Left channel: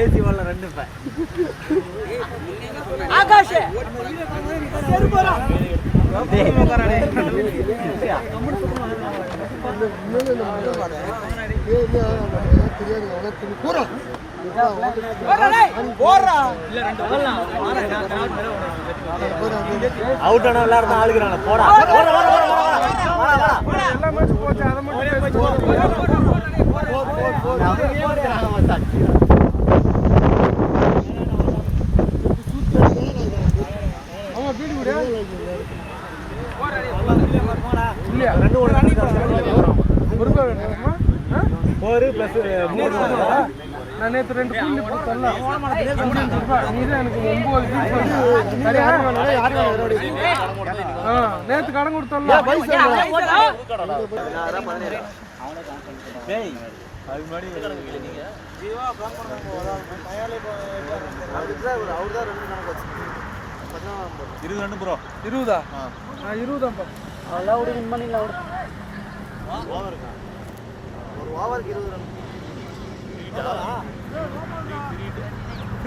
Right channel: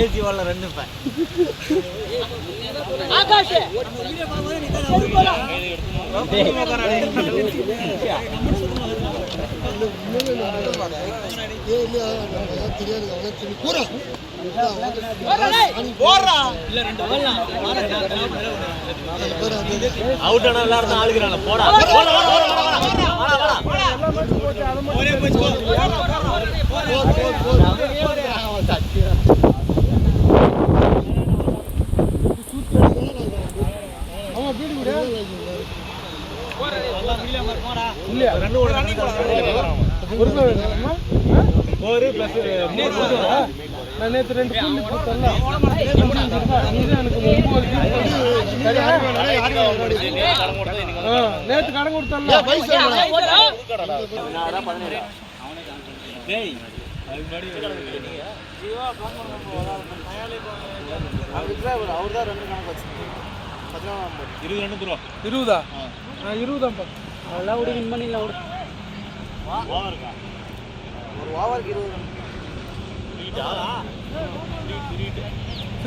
AC వాళ్ళ run இப்ப Akash out ஆனா எல்லாரும் ஆளுகிறாங்க போடா நான் நேற்று 2 கூலி போட்டல எனக்கு 9 நேற்று கடன் கொடுத்தல ப்ரோ 20 அவ்வளோ வின் பண்ணிடலாம் ஒரு ஓவருக்கு 20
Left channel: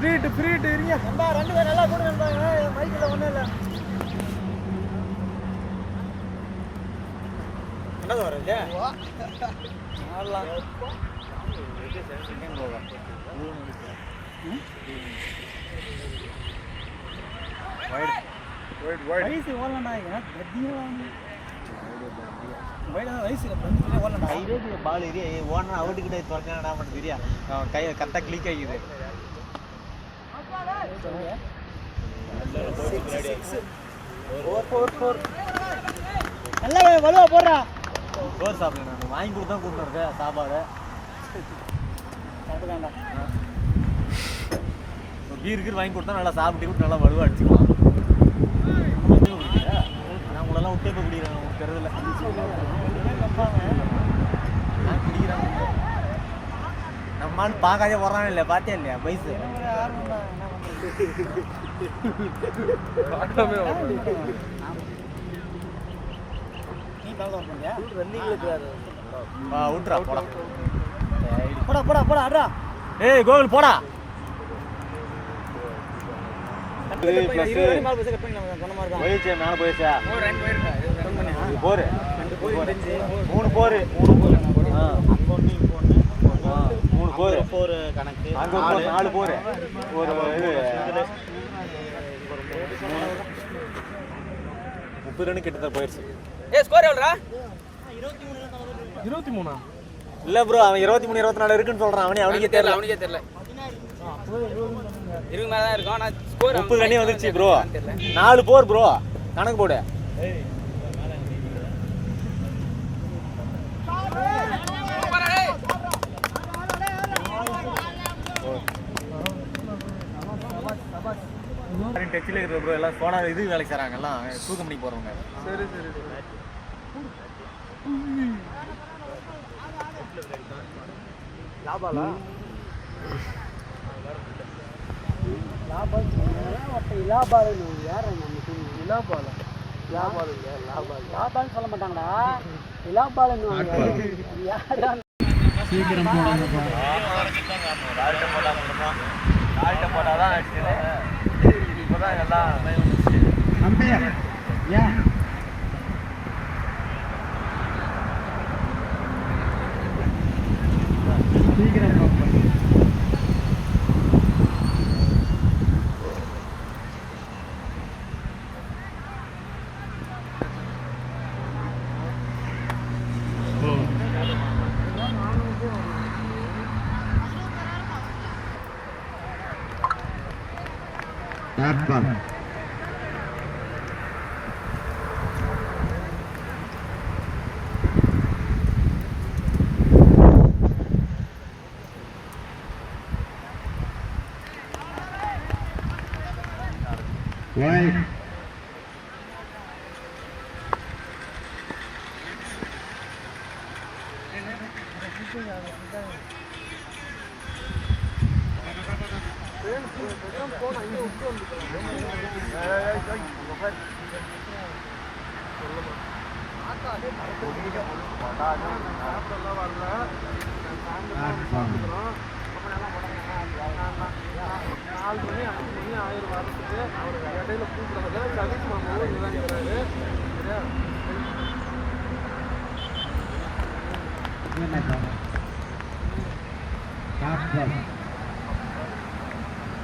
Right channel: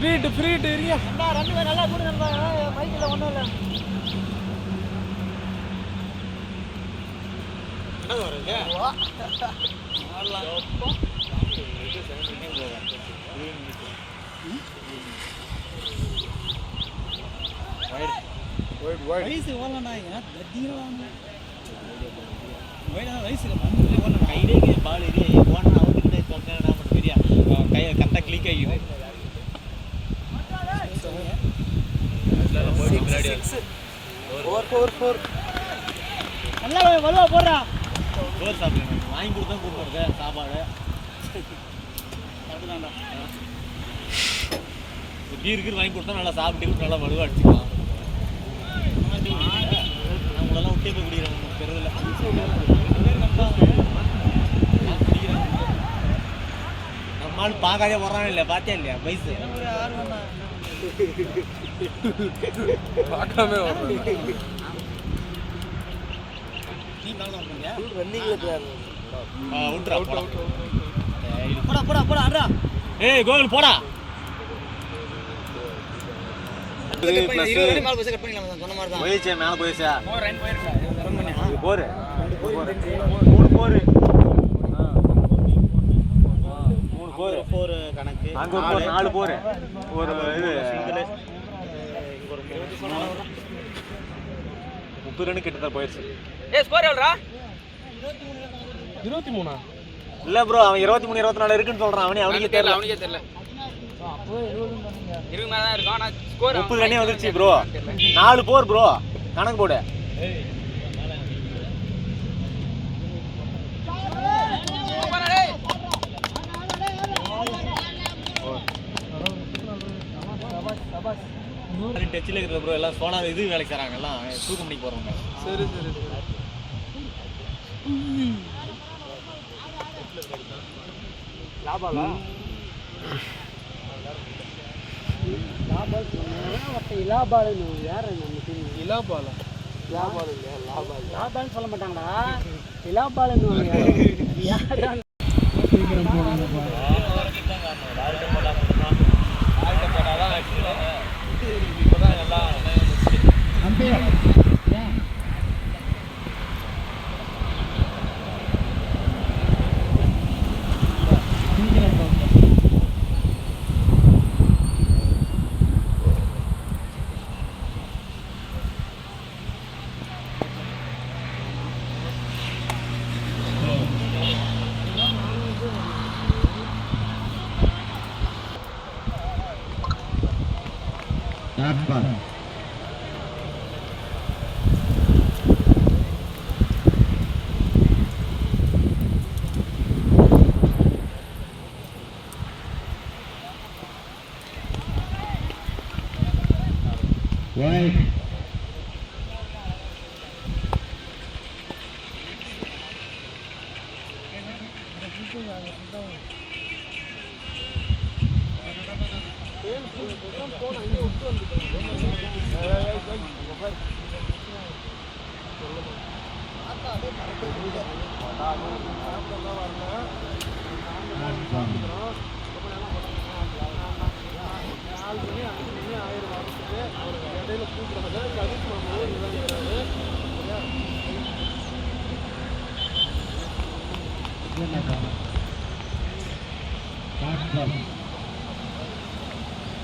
ரன் ஃப்ரீட் ஏரியா ரெண்டு பேர் நல்லா கூட நம்ம பைக்ல ஒண்ணும் இல்ல என்ன வரீங்க ஆடலாம் வைட் வயசு ஓடலண்ணா இதெல்லாம் கத்தியலாம் வயசுல ஓடலாம் ஐடியா பால் ஏறி ஓடனா அவுட்டுக்கிட்ட தொட்டா மட்டும் தெரியா கையை கரெக்டாக கிளிக் ஆகிது நல்லா வெளில போடுறா சோறு சாப்பிடணும் வாங்கி கொடுத்தா கூப்பிடுறது சாப்பாடு பீருக்கு வாங்கி கொடுத்தா நல்லா சாப்பிட்டு நல்லா வலுவாக அடிச்சுக்கலாம் நான் உங்களெல்லாம் விட்டே போய் குடிக்கிறாங்க பெறதில்ல நம்மளால பார்க்காதே வர்றானே இல்லை பார்த்தே இல்லையா வயசு பார்க்காம விட்றா போடா அட்ரா ஏய் கோகுல் போடா போயிடுச்சு மேலே போயிடுச்சா போரு 3 போரு 3 போரு கணக்கு அங்கே ஒரு 4 போரு ஒரு இது 30 ரன் கிட்ட போயிடுச்சு ஸ்கோர் எவ்வளோடா 23 இல்லை ப்ரோ அவன் 23 24 இருக்குன்னு சொல்கிறான் அவனுக்கே தெரியல 20 மேல தான் இருக்கும். ஆனா ஸ்கோர் 30 ரன்னே வந்துருச்சு ப்ரோ. 4 போர் ப்ரோ. கணக்கு போடு. டச்சில் இருக்கிற ப்ரோ எல்லாம் சோனா இது வேலைக்கு தராங்க எல்லாம் ஷூ கம்பெனிக்கு போகிறவங்க. சரி சரி சரி. லாபாலா இலாபால் யார் இலாபாலா இலாபால் சொல்ல மாட்டாங்கடா. இலாபால் யார் சீக்கிரம் போடாதப்பா. போட்டாதான் ஆக்சுவலி இப்போதான் எல்லாம் அம்பையர் ஏன் சீக்கிரம் போப்பா. Right.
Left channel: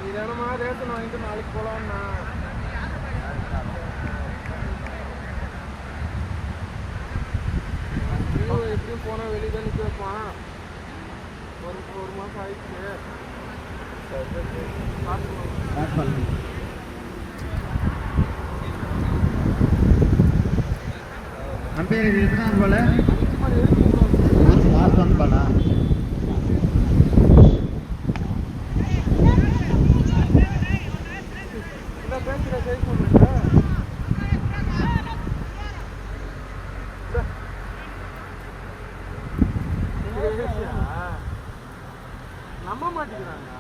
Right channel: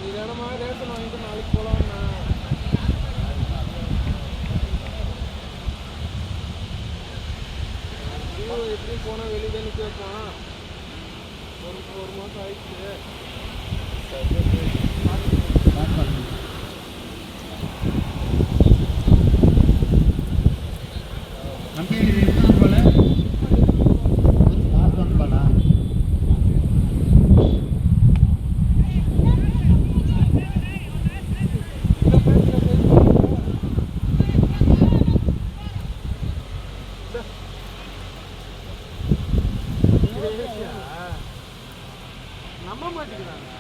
இதனமா ரேட்டு வாங்கிட்டு நாளைக்கு போலாம்னா எப்படியும் போனா வெளியே தான் நிற்க வைப்பான் ஒரு மாதம் ஆயிடுச்சு அம்பேர் இருந்தான் போல பார்த்தான் போல நம்ப மாட்டேங்கிறாங்க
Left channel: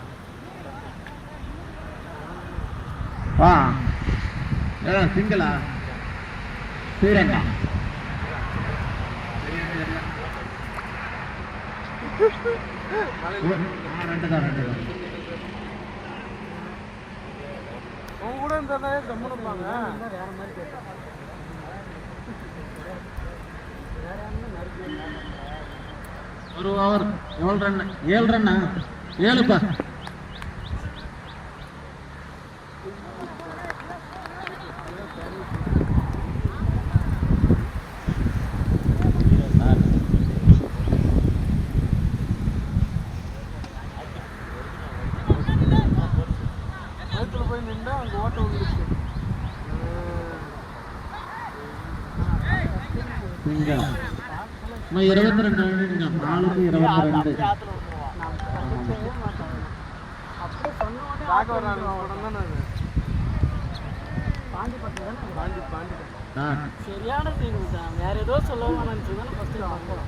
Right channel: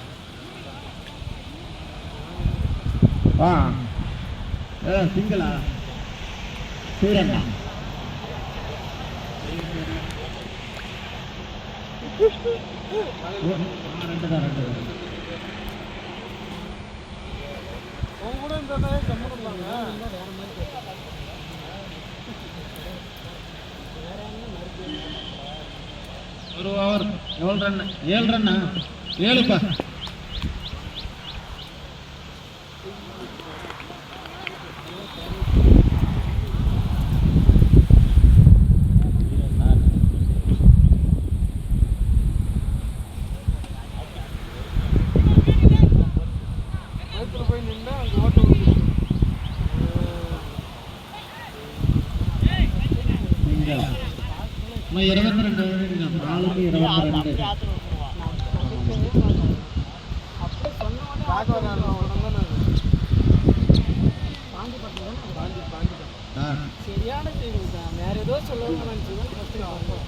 வா சிங்களா ஸ்ரீரங்கா ரெண்டு தான் அவங்க கூட இந்த கம்முனுப்பாங்க வேற மாதிரி ஒரு ஓவர் 7 ரன் 7 ரன்னா 7பா போய் நின்றா அங்கே ஓட்ட விடுச்சு நம்ம 22 நாளுக்கு 22 சரியான சீன் தான் வேற ஏதோ சொல்லுவாங்க நான் ஃபர்ஸ்ட் பார்ப்போம்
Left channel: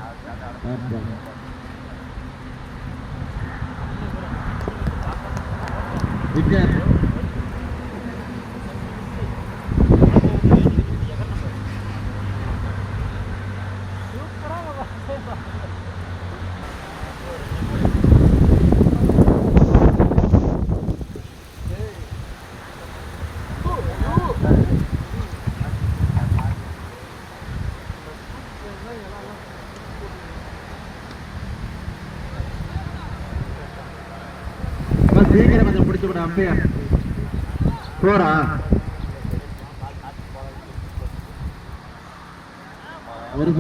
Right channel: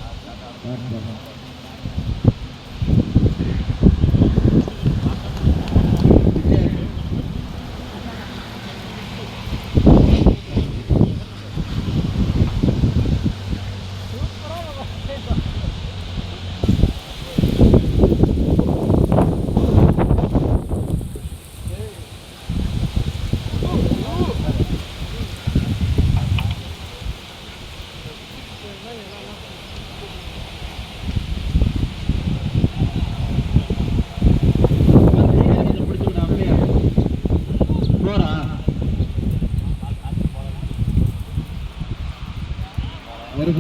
பிடிச்சு விட அப்படியே போறா ஒரு